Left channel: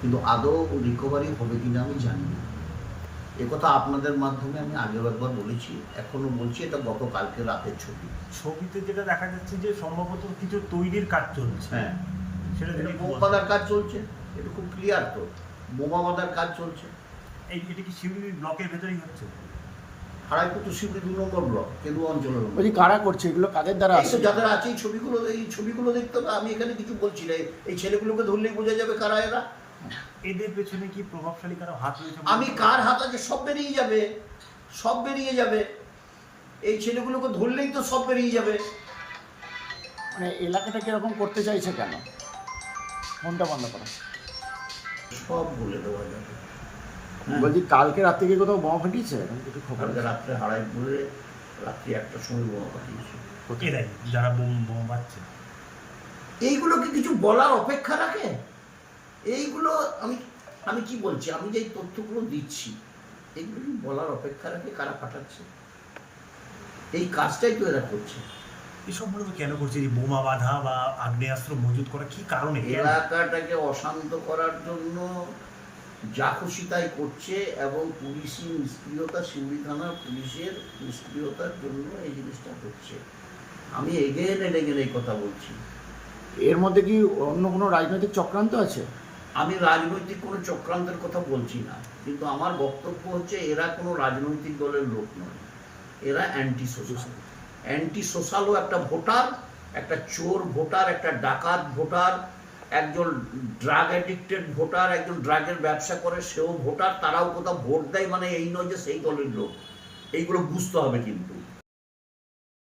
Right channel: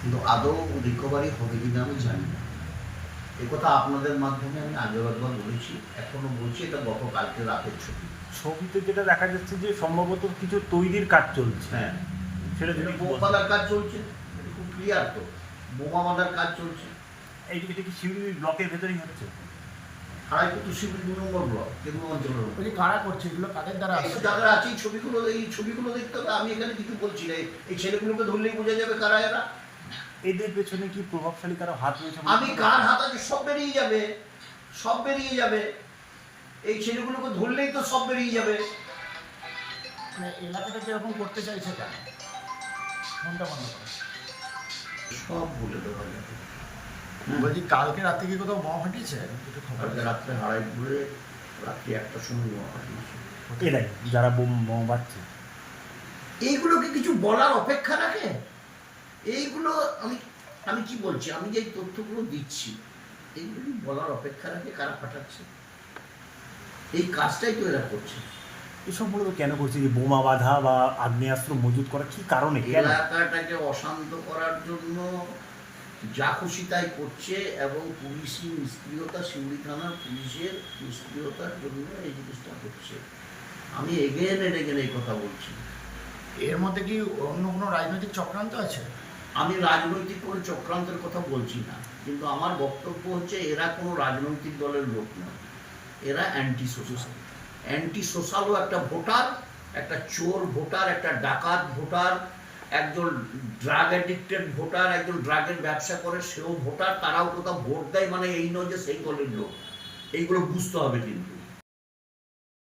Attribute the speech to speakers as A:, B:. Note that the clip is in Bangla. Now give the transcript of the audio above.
A: কিন্তু আদৌ রিকভারি হবে কিনা আমি জানি না। একথা আপনাদের মাধ্যমে আমি আগেও একবার বলেছি এখনও বলছি এটা গতকালকে রাতের ছবি।
B: ছবিতে যেটা দেখা যাচ্ছে যে সম্ভবত কিছু তৈরির কাজ চলছে।
A: হ্যাঁ।
B: সেটা থেকে
A: কাজ চলছে এটা খুব ক্লিয়ার তো। বোমা বাঁধার কাজ চলছে।
B: এই এটা কি শিউলি ব্লকের ভেতরেই হচ্ছে?
A: হারাইপুর শিউরি দু নম্বর ব্লক অঞ্চলের।
C: কারা করছে এগুলো কাদের দ্বারা
A: যাদের আছে এই ছবিগুলো এই ছবিগুলো দেখতে হবে আমি এখানে কিছু বলছি না। এই- এই ছেলেগুলোকে ধরলেই বোঝা যাবে কারা এরা।
B: এদের পেছনে কি প্রভাবশালী কারও হাত রয়েছে
A: আমি কার হাত আছে সব বেরিয়ে যাবে সব বেরিয়ে যাবে। এই ছেলেগুলোকে ধরলেই তো সব বেরিয়ে যাবে।
C: মানে এলাকাটাকে এরকম করতে চাইছে কেন? ফোনটা বন্ধ করো
A: সব বলে দেওয়া যাবে
C: বলছি কালকে রাতে কি কোথাও বোমা ফাটিয়েছে?
A: কালকে? রাত্রে হারাইপুরে রাত্রি একটার সময় বোমা পাঠিয়েছে
B: এরাই যারা বোম বোম বাচ্ছে
A: এইগুলো কি কিছু বলার অপেক্ষা রাখে? এইগুলো আমি আমি কি বলছি? আমি যে এই তথ্যগুলো দিচ্ছি এইগুলো কি বলার অপেক্ষা রাখে কারা পাঠাচ্ছে? এই কাজটাই তো এরা করছে।
B: এসব সম্পর্কে কেন করছে? এই বোমা বাঁধা বা আগ্নেয়াস্ত্র মজুত করা কি কারণে
A: এলাকাটাকে অশান্ত করার জন্য যা খুশি তাই করছে এবং পুলিশি নিষ্ক্রিয়তা শিউড়ি থানার পুলিশের নিষ্ক্রিয়তার জন্য এই জিনিসটা হচ্ছে। আমি এগেন এগেন এই কথা বলছি।
C: এর মধ্যে কি অন্য কোনো রাজনৈতিক চক্রান্ত আছে?
A: আমি রাজনৈতিক কোনো চক্রান্তের কথা বলছি না, কিন্তু আমার বক্তব্য হচ্ছে এরা কোনো রাজনৈতিক দলের লোক নয়। এরা অ্যান্টি সোশ্যাল অ্যান্টি সোশ্যালও একটা ভোটার, একটা চোর ভোটার, একটা ডাকাত ভোটার, একজন ড্রাগ অ্যাডিক্টেড ভোটার, একজন ড্রাগের ব্যবসা করে, সেও ভোটার, তারাও কোথাও ভোট দেয় মানে এই নয় যে সেই দলের লোক। এইগুলো বুঝতে হবে কিন্তু।